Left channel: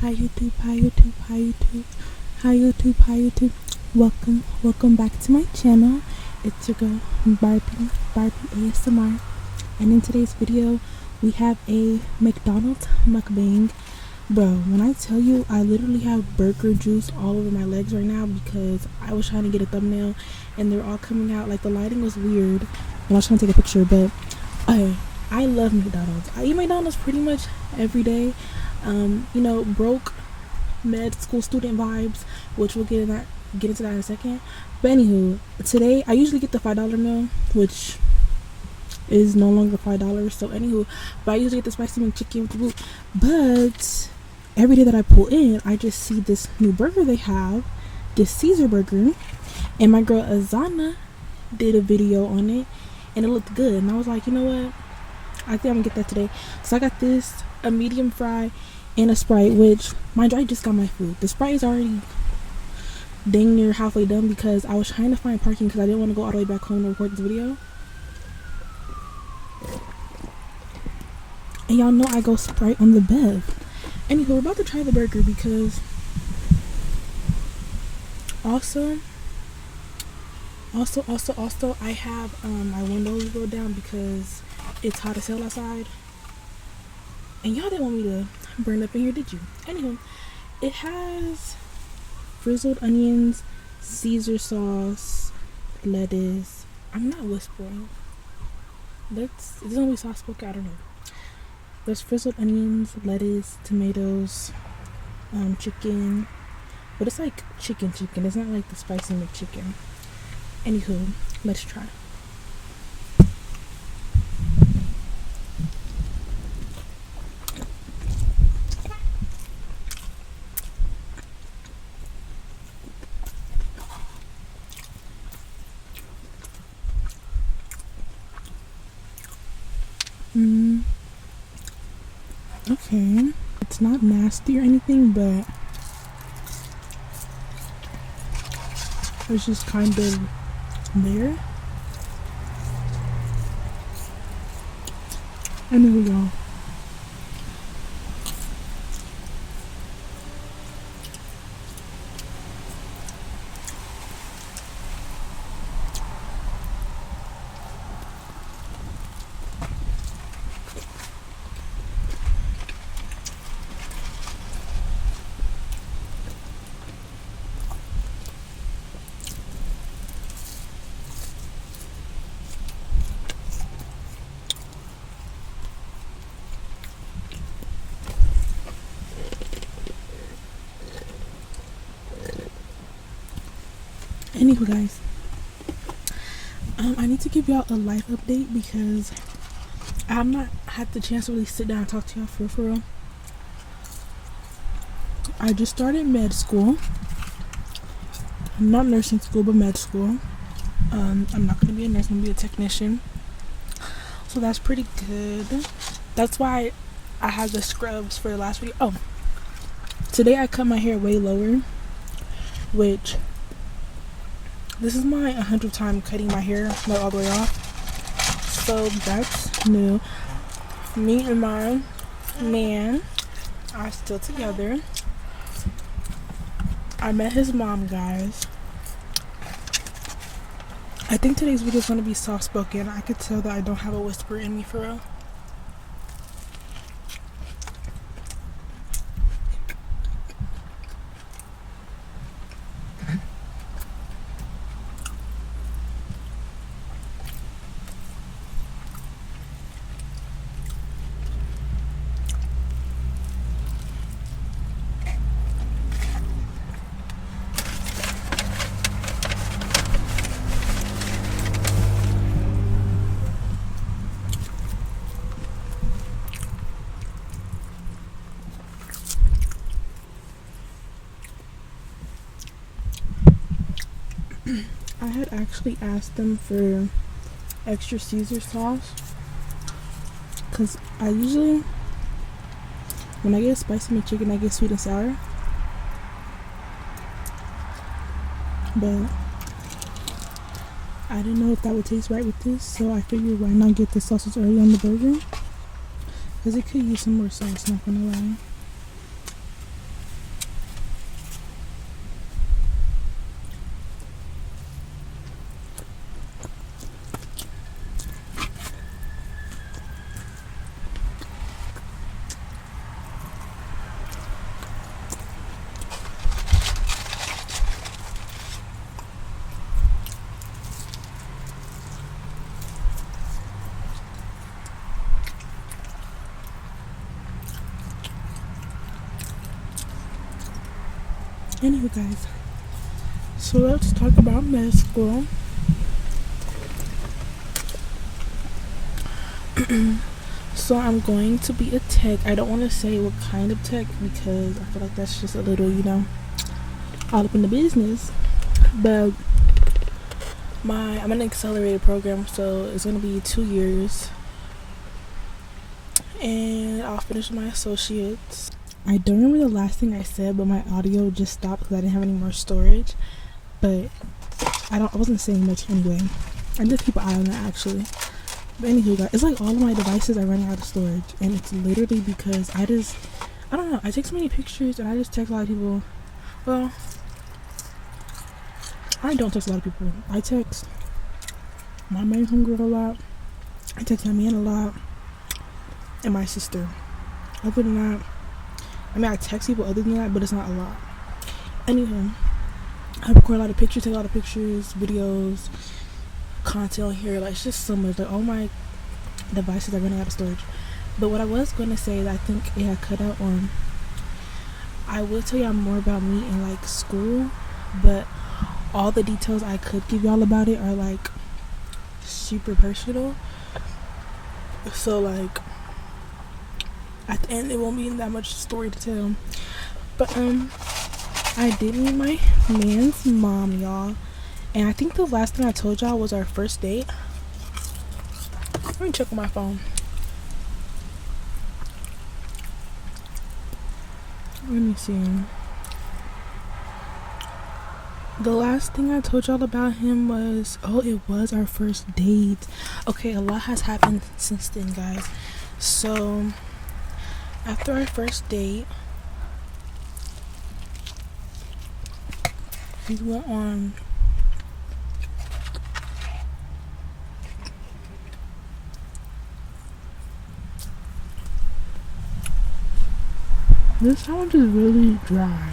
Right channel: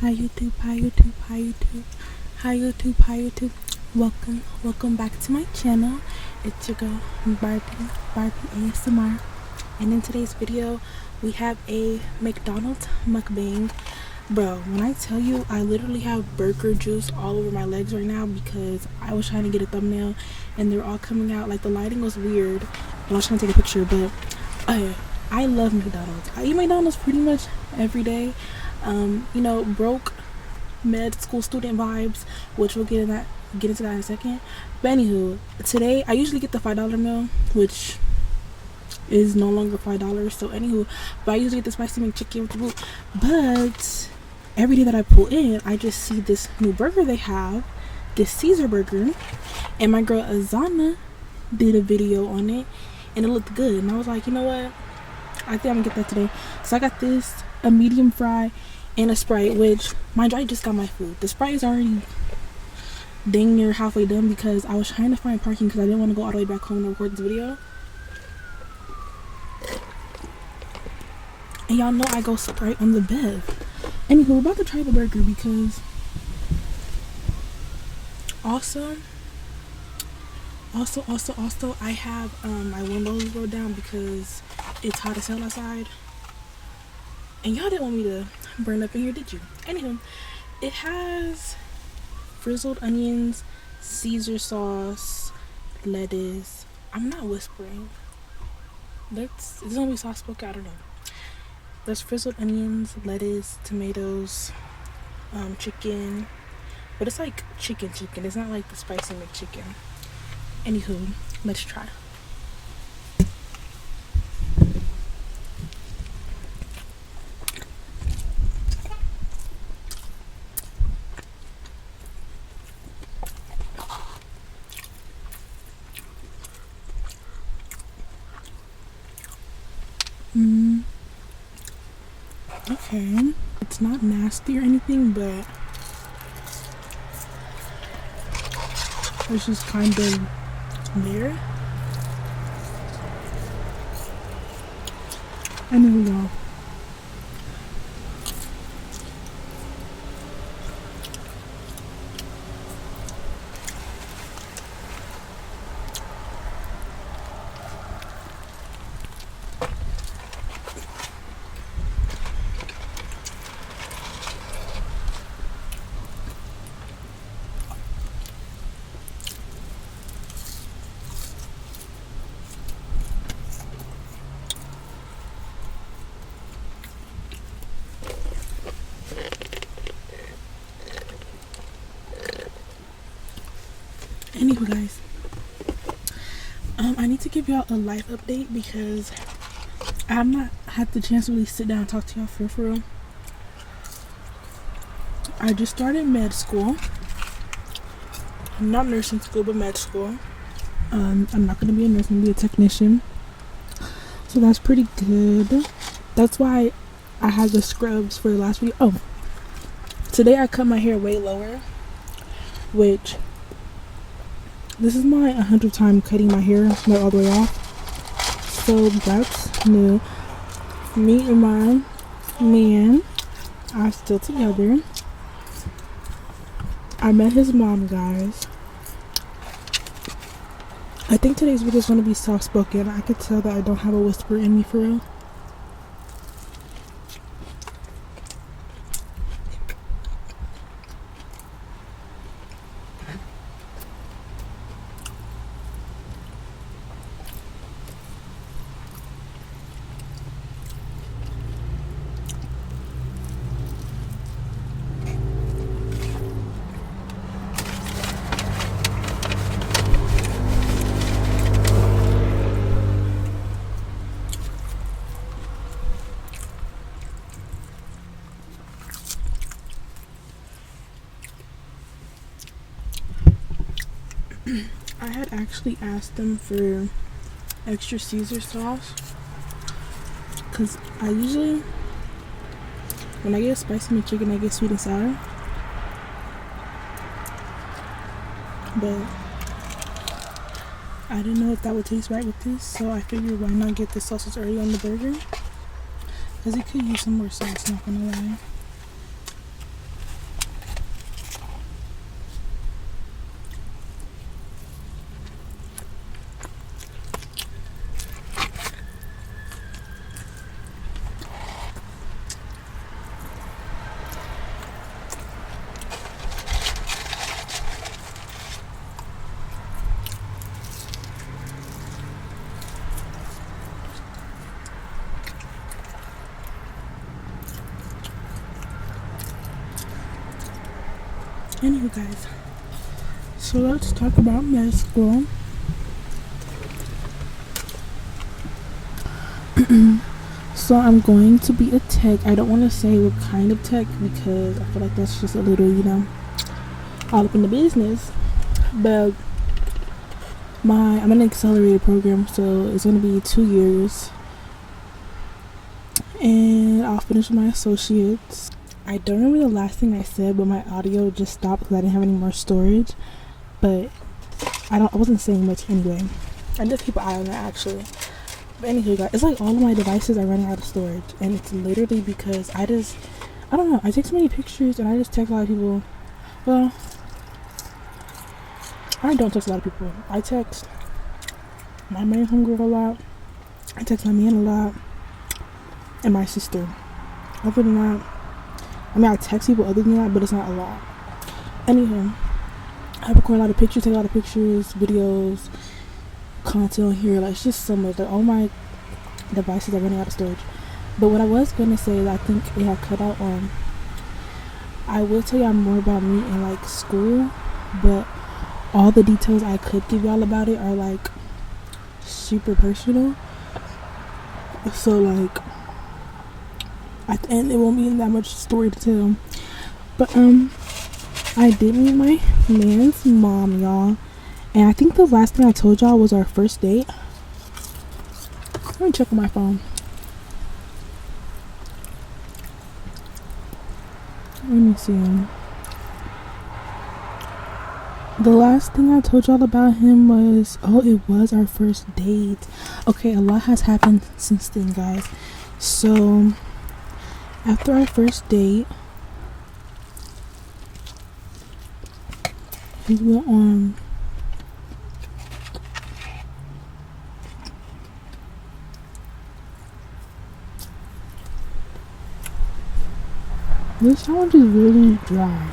Hi YouTube, hi YouTube, hi YouTube, hi YouTube, hi YouTube. Welcome back to my channel. It's your girl Barbie ASMR, and in today's video we have a McDonald's mukbang. Bro, when I tell you I literally have burger juice all over my legs right now because I was trying to get a thumbnail and they're all coming out like the lighting was weird and I was trying to take a picture, but I love McDonald's. I eat McDonald's pretty much every day. You know, broke med school student vibes, which we'll get into that in a second. But anywho, today I usually get the $5 meal, which is no longer $5. So anywho, but I usually get the spicy McChicken with the boot. But every day that I pull in, I just see this new burger they have, this Caesar burger, and my girl Azana did a video on it, and it looked good. And I was like, you know what? I think I'm gonna get that today. So I got this, a medium fry, and a Sprite, which, mind you, I just got my food. The Sprite is already dang near halfway done because I was trying to find parking because I didn't want to go all the way back home to record this video. And y'all know I go Sprite on the bed. Anywho, we're about to try the burger because also I have my windows rolled down because it's hot as hell outside. And y'all didn't want me to burn up in here, did you? Anywho, it has frizzled onions, Caesar sauce, lettuce. I'm not whispering. It's gonna be soft spoken, I don't know. There's frizzled onions, lettuce, tomatoes, chicken. But it's like chicken. It's not like the spicy McChicken. Anywho, let's try. Okay, it's not nasty or anything, but it's just kind of there. And there we go. Anyway, guys, I need to give y'all a life update because I have not had the chance to really sit down and talk to y'all for real. I just started med school. Not nursing school, but med school. I'm not going to be a nurse, I'm going to be a technician. So that's pretty good. That's why I had the scrubs for the last video. Oh, today I cut my hair way lower, which this is my 100th time cutting my hair like all the way off. So that's new. Me and my man are still together. I met his mom, guys. I think today's video is going to be soft spoken. I could tell that I don't have a whisper in me for real. I had actually asked them for extra Caesar sauce because I usually, when I get a spicy McChicken, I get sweet and sour, but I didn't know if that would taste right with this, so I figured why not get the sausage early on the burger, because it could use some more sauce, not gonna lie. Anyway, guys, so let's talk about med school. So I'm going to be a tech. I don't want to say what kind of tech because I feel like that's just a little, all up in the business. But I'm in an accelerated program, so it's going to be 2 years. And I'll finish my associates. I don't remember the last thing I said, but my audio just stopped because I didn't have any more storage. But I wasn't saying much anyway. I just keep an eye on it actually. But anywho, guys, it's like all of my devices are running out of storage, and it's literally because I don't know, I take so many pictures and I just text a lot of people. Well, I don't text a lot of people. I text my main homegirl a lot. I text my man a lot, and my sister. Other than that, I text people other than that, but it's not a lot. Anywho, I record a lot of pictures, take a lot of pictures, videos, content on here. Like, it's just so much. Like, all my devices are running out of storage. But what I was going to say that I think it had cut out on, I will tell y'all more about me in like school, but all the details I could give y'all about it are like super personal. So like at the end it won't be that much story to tell. But I did meet my man's mom, y'all, and I think the last thing I told y'all was our first date. Let me check on my phone. Let me see. The last thing I told y'all about him was, it was our first date. Okay, a lot has happened since then, guys. So after our first date, we went on this challenge is really dry.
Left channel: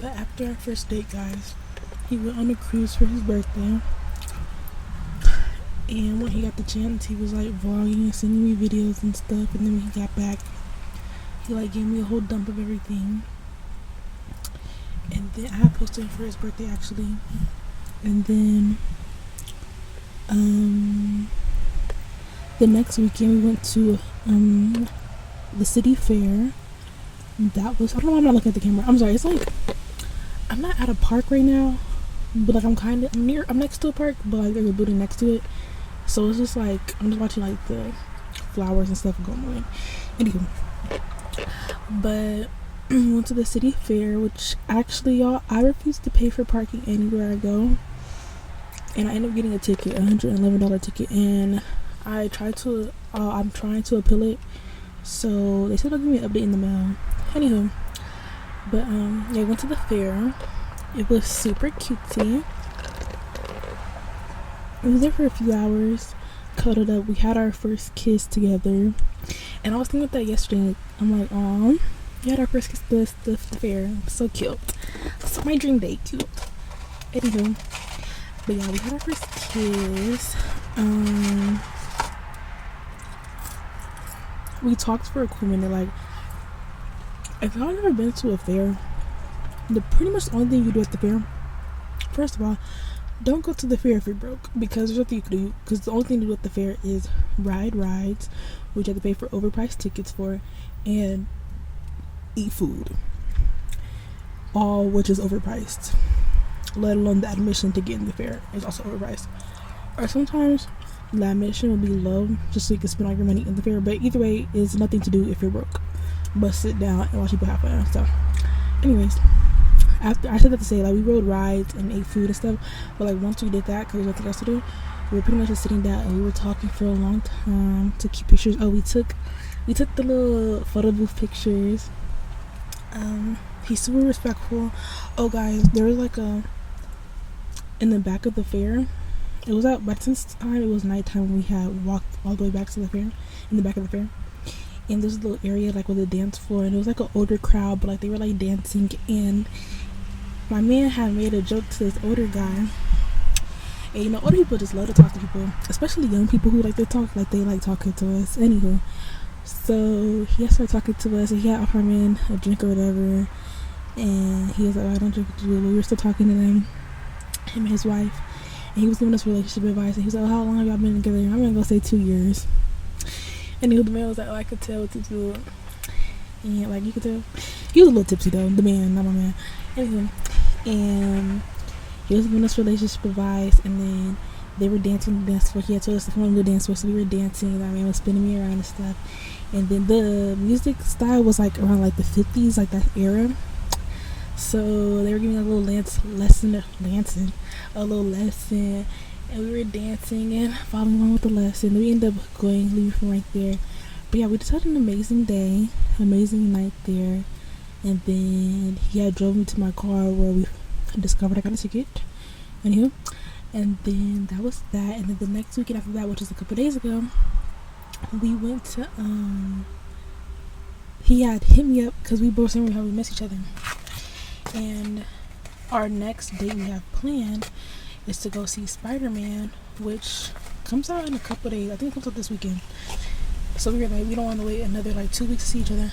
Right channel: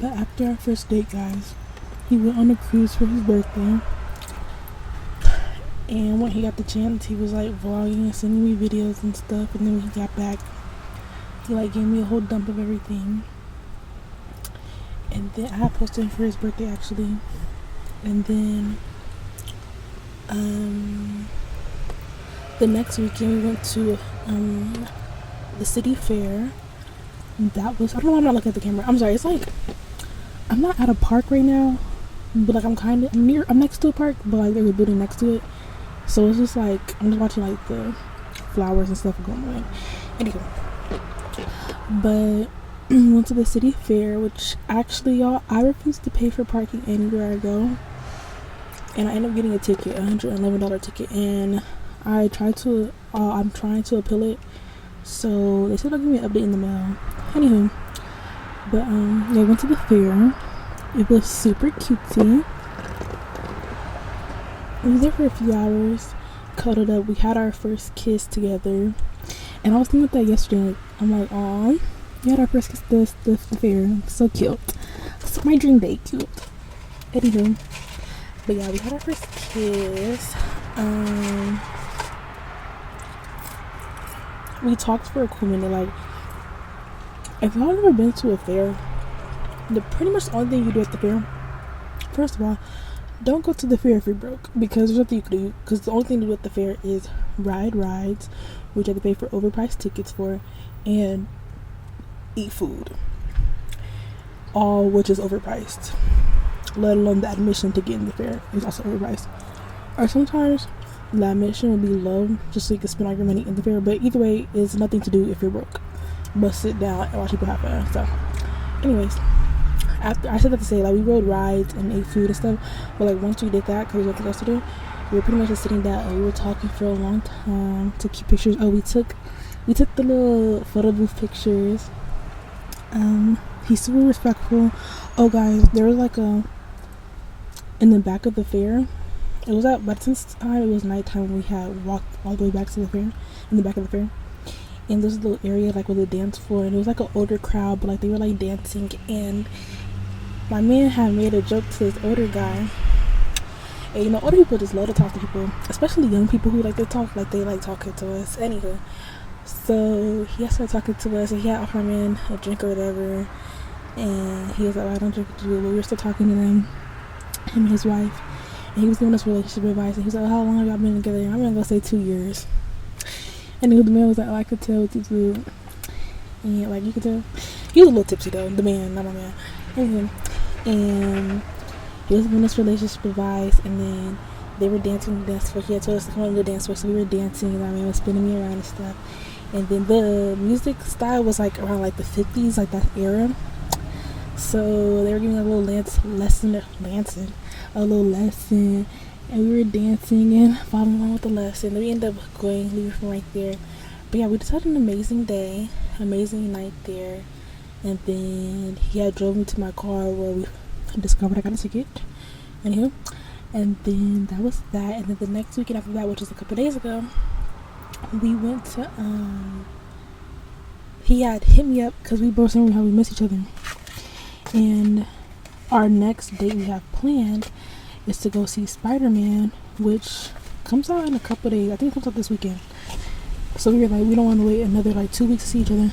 But after our first date, guys, he went on a cruise for his birthday. And when he got the chance, he was like vlogging and sending me videos and stuff. And then when he got back, he like gave me a whole dump of everything. And then I posted him for his birthday actually. And then the next weekend we went to the city fair. That was, I don't know why I'm not looking at the camera. I'm sorry, it's like I'm not at a park right now, but like I'm next to a park, but like there's a building next to it. So it's just like I'm just watching like the flowers and stuff going on. Anyway, but went to the city fair, which actually, y'all, I refuse to pay for parking anywhere I go, and I end up getting a ticket, $111 ticket, and I'm trying to appeal it. So they said they'll give me an update in the mail. Anywho, but yeah, went to the fair. It was super cutesy. We was there for a few hours, cuddled up. We had our first kiss together, and I was thinking about that yesterday. I'm like, oh, we had our first kiss the fair. So cute. So my dream date, cute. Anywho, but yeah, we had our first kiss. We talked for a cool minute. Like, if y'all ever been to a fair, the pretty much the only thing you do at the fair, first of all, don't go to the fair if you're broke, because there's nothing you can do, because the only thing to do at the fair is ride rides, which you have to pay for overpriced tickets for, and eat food, all which is overpriced, let alone the admission to get in the fair is also overpriced. Or sometimes the admission will be low just so you can spend all your money in the fair, but either way, it's nothing to do if you're broke but sit down and watch people have fun and stuff. Anyways, after I said that to say, like, we rode rides and ate food and stuff, but like once we did that, because there's nothing else to do, we were pretty much just sitting down and we were talking for a long time, took cute pictures. We took the little photo booth pictures. He's super respectful. Oh guys, there was like in the back of the fair, it was by since time it was nighttime, we had walked all the way back to the fair, in the back of the fair, and there's a little area like with a dance floor, and it was like an older crowd, but like they were like dancing, and my man had made a joke to this older guy. And you know, older people just love to talk to people, especially young people who like to talk, like they like talking to us. Anywho, so he started talking to us, and he had offered him a drink or whatever. And he was like, I don't drink with you, but we were still talking to him and his wife. And he was giving us relationship advice. And he was like, how long have y'all been together? I'm gonna go say 2 years. And the man was like, oh, I could tell what you do. And like, you could tell. He was a little tipsy though, the man, not my man. Anyway, and he was giving us relationship advice. And then they were dancing on the dance floor. He had told us to come on to the dance floor, so we were dancing. That man was spinning me around and stuff. And then the music style was like around like the 50s, like that era. So they were giving a little lesson, and we were dancing and following along with the lesson. We ended up leaving from right there. But yeah, we just had an amazing day, amazing night there. And then he had drove me to my car where we discovered I got a ticket. Anywho, and then that was that. And then the next weekend after that, which was a couple days ago, we went to he had hit me up because we both saying how we miss each other. And our next date we have planned is to go see Spider-Man, which comes out in a couple days. I think it comes out this weekend. So we were like, we don't want to wait another like 2 weeks to see each other.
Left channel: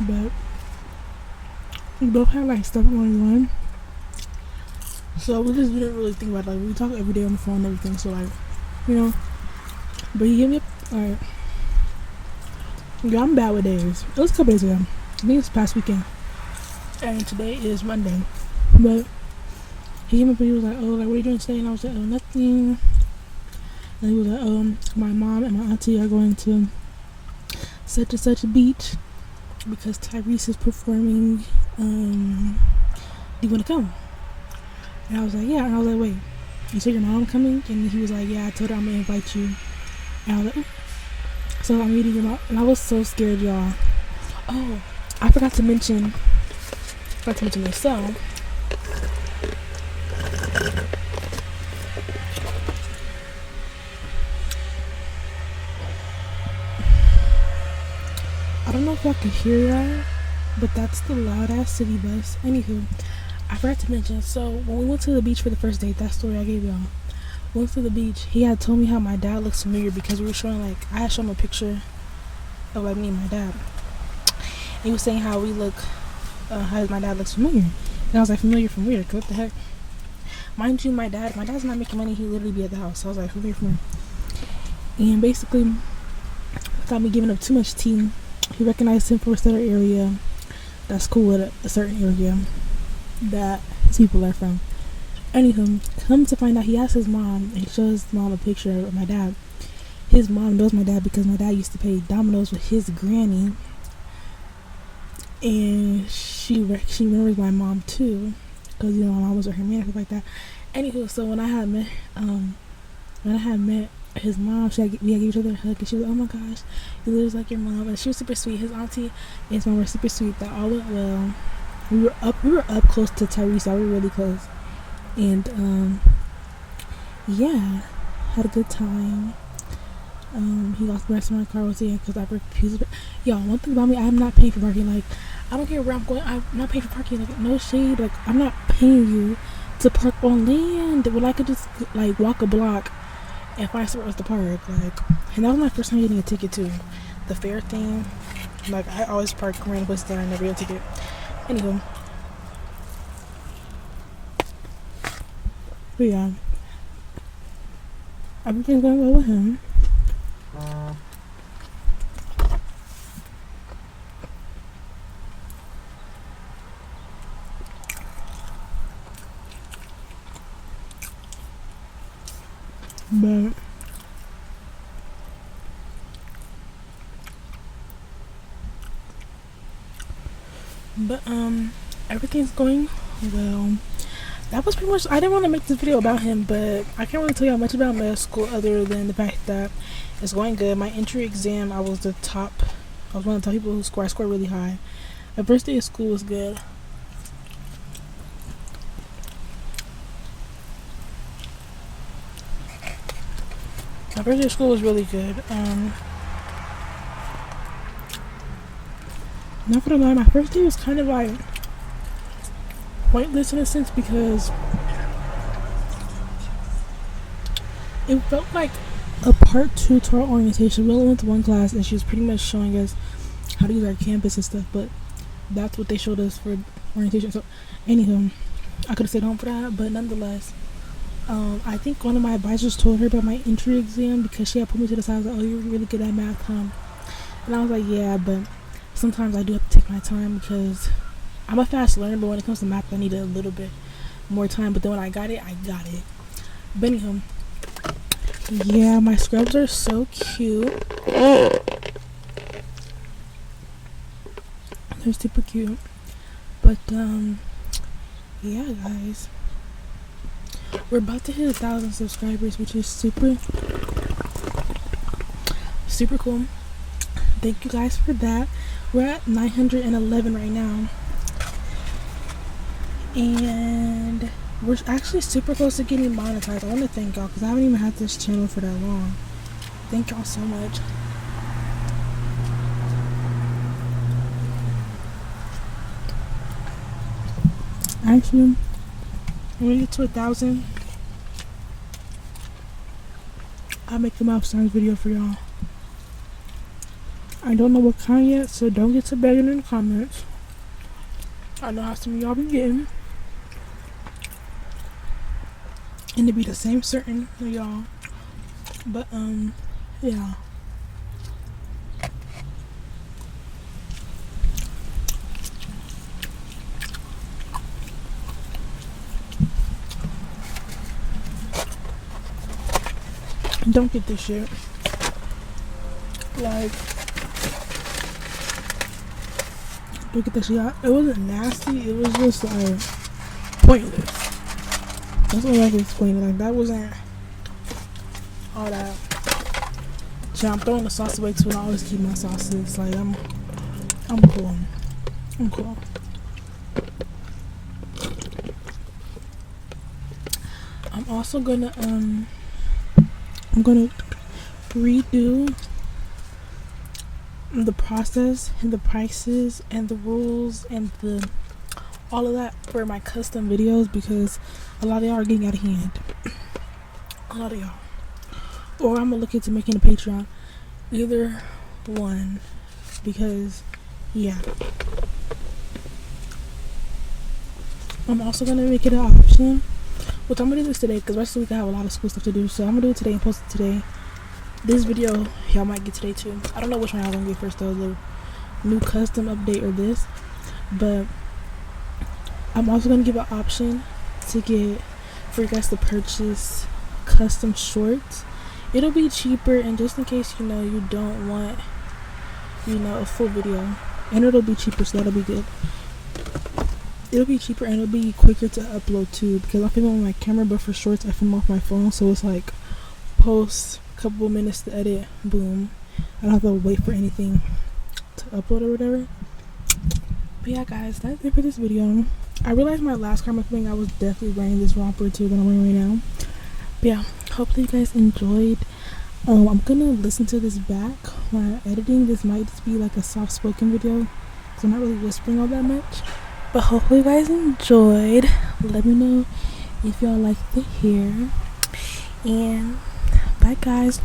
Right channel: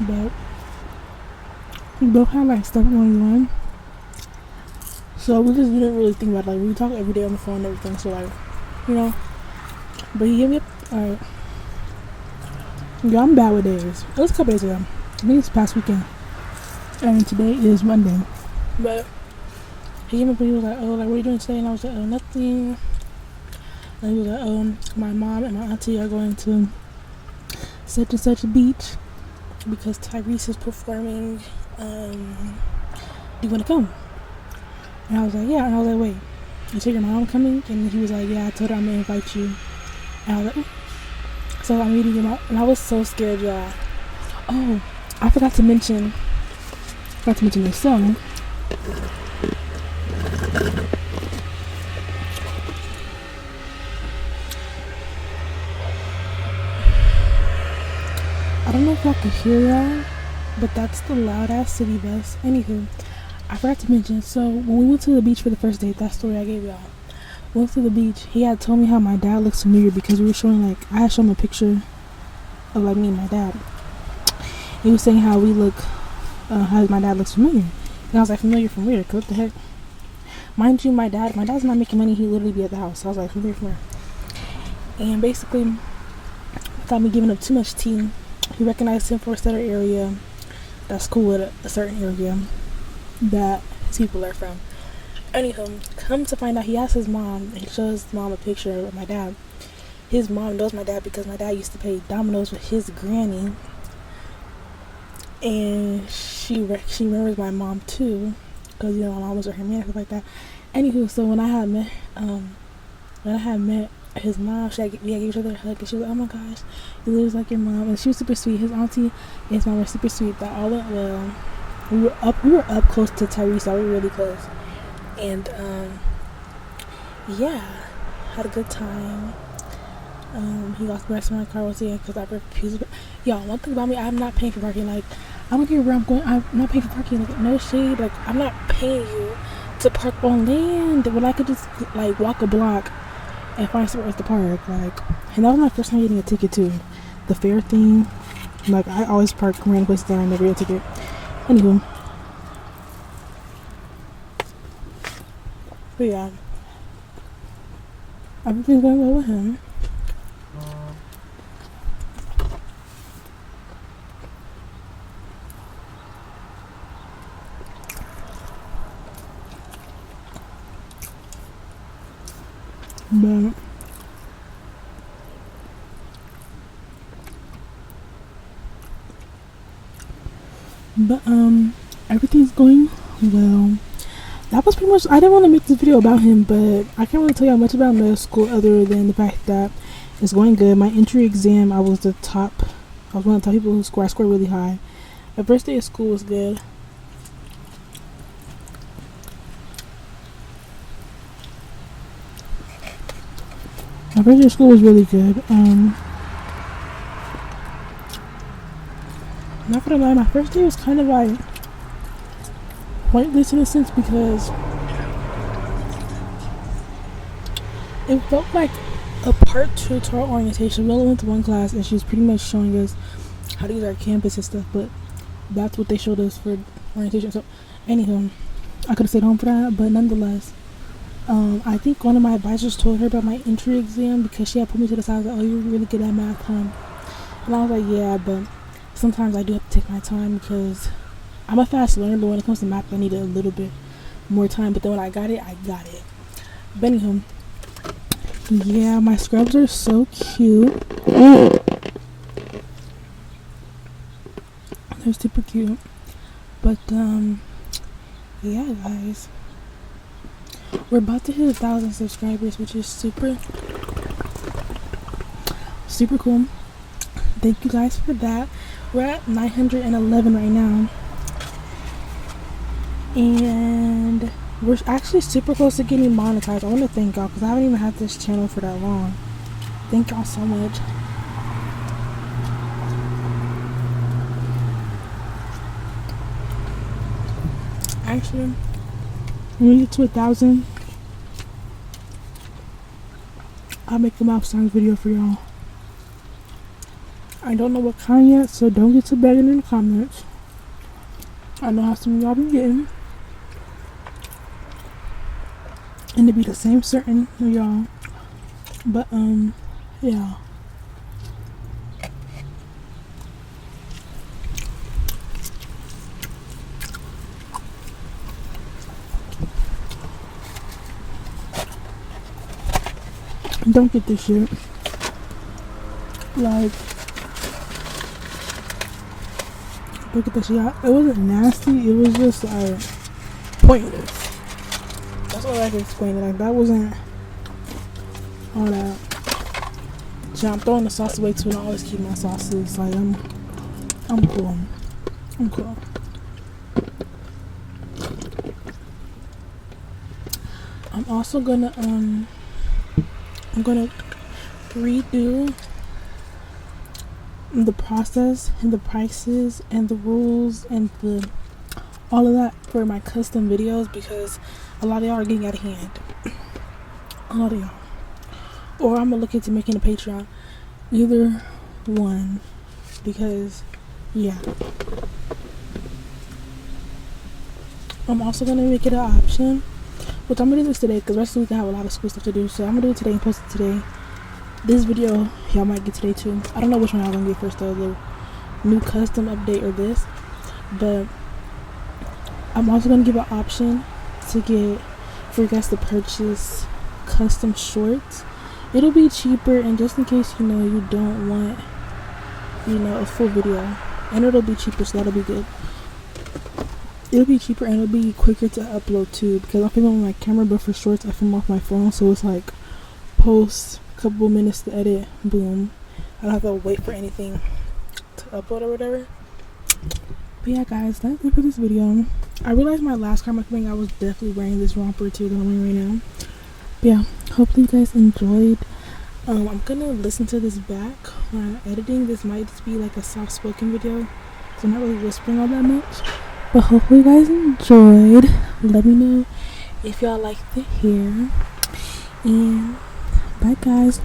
But we both had like stuff going on, so we just didn't really think about it. Like, we talk every day on the phone and everything, so like, you know. But he hit me up. Alright, yeah, I'm bad with days. It was a couple days ago. I think it's past weekend, and today is Monday. But he hit me up and he was like, oh, like, what are you doing today? And I was like, oh, nothing. And he was like, oh, my mom and my auntie are going to such and such a beach because Tyrese is performing. Do you want to come? And I was like, yeah. And I was like, wait, you said your mom coming? And he was like, yeah, I told her I'm gonna invite you. And I was like, so I'm meeting him out, and I was so scared, y'all. Oh, I forgot to mention this song. I don't know if y'all could hear that, but that's the loud ass city bus. Anywho, I forgot to mention, so when we went to the beach for the first date, that story I gave y'all, we went to the beach, he had told me how my dad looks familiar because we were showing, like, I had shown him a picture of like me and my dad. He was saying how we look, how my dad looks familiar. And I was like, familiar from where? Cause what the heck? Mind you, my dad's not making money, he literally be at the house. So I was like, familiar from where? And basically, without me giving up too much tea, he recognized him for a certain area that's cool with a certain area that his people are from. Anywho, come to find out, he asked his mom, and he shows his mom a picture of my dad. His mom knows my dad because my dad used to play dominoes with his granny, and she remembers my mom too, because you know my mom was her man and stuff like that. Anywho, so when I had met his mom, we gave each other a hug, and she was like, oh my gosh, you look like your mom. And she was super sweet. His auntie and his mom were super sweet. That all went well. We were up close to Tyrese, so we were really close. And yeah, had a good time. He lost the rest of my car was in because I refused. Y'all, one thing about me, I'm not paying for parking. Like, I don't care where I'm going, I'm not paying for parking. Like, no shade, like, I'm not paying you to park on land when I could just like walk a block and find somewhere else to park. Like, and that was my first time getting a ticket too. The fare thing, like, I always park random places that I never get a ticket. Anywho, but yeah, everything's going well with him. But everything's going well. That was pretty much, I didn't want to make this video about him, but I can't really tell y'all much about med school other than the fact that it's going good. My entry exam, I was one of the top people who scored. I scored really high. The first day of school was good. My first day of school was really good. Not gonna lie, my first day was kind of like pointless in a sense because it felt like a part 2 to our orientation. We only went to one class and she was pretty much showing us how to use our campus and stuff, but that's what they showed us for orientation. So anywho, I could have stayed home for that, but nonetheless, I think one of my advisors told her about my entry exam because she had put me to the side, like, oh, you're really good at math, huh? And I was like, yeah, but sometimes I do have to take my time because I'm a fast learner, but when it comes to math, I need a little bit more time. But then when I got it, I got it. But anywho, yeah, my scrubs are so cute. They're super cute. But yeah, guys, we're about to hit 1,000 subscribers, which is super cool. Thank you guys for that. We're at 911 right now, and we're actually super close to getting monetized. I want to thank y'all because I haven't even had this channel for that long. Thank y'all so much. Actually, when we get to 1,000, I'll make a mouth sounds video for y'all. I don't know what kind yet, so don't get to begging in the comments. I know how some of y'all be getting, and to be the same certain for y'all. But yeah. Don't get this shit. Like, don't get this shit out. It wasn't nasty, it was just like pointless. That's all I can explain it. Like, that wasn't all that. So I'm throwing the sauce away too, and I always keep my sauces. Like, I'm cool. I'm cool. I'm also gonna I'm gonna redo the process and the prices and the rules and the all of that for my custom videos because a lot of y'all are getting out of hand. A lot of y'all. Or I'm gonna look into making a Patreon. Either one. Because yeah. I'm also gonna make it an option, which I'm gonna do this today because the rest of the week I have a lot of school stuff to do, so I'm gonna do it today and post it today. This video y'all might get today too. I don't know which one y'all gonna get first though, the new custom update or this, but I'm also gonna give an option to get for you guys to purchase custom shorts. It'll be cheaper, and just in case you don't want a full video, and it'll be cheaper, so that'll be good. It'll be cheaper and it'll be quicker to upload too because I film on my camera, but for shorts I film off my phone, so it's like post, couple minutes to edit, boom. I don't have to wait for anything to upload or whatever. But yeah, guys, that's it for this video. I realized my last car mukbang I was definitely wearing this romper too that I'm wearing right now. But yeah, hopefully you guys enjoyed. I'm gonna listen to this back while I'm editing. This might just be like a soft spoken video because I'm not really whispering all that much. But hopefully you guys enjoyed. Let me know if y'all like the hair. And bye guys.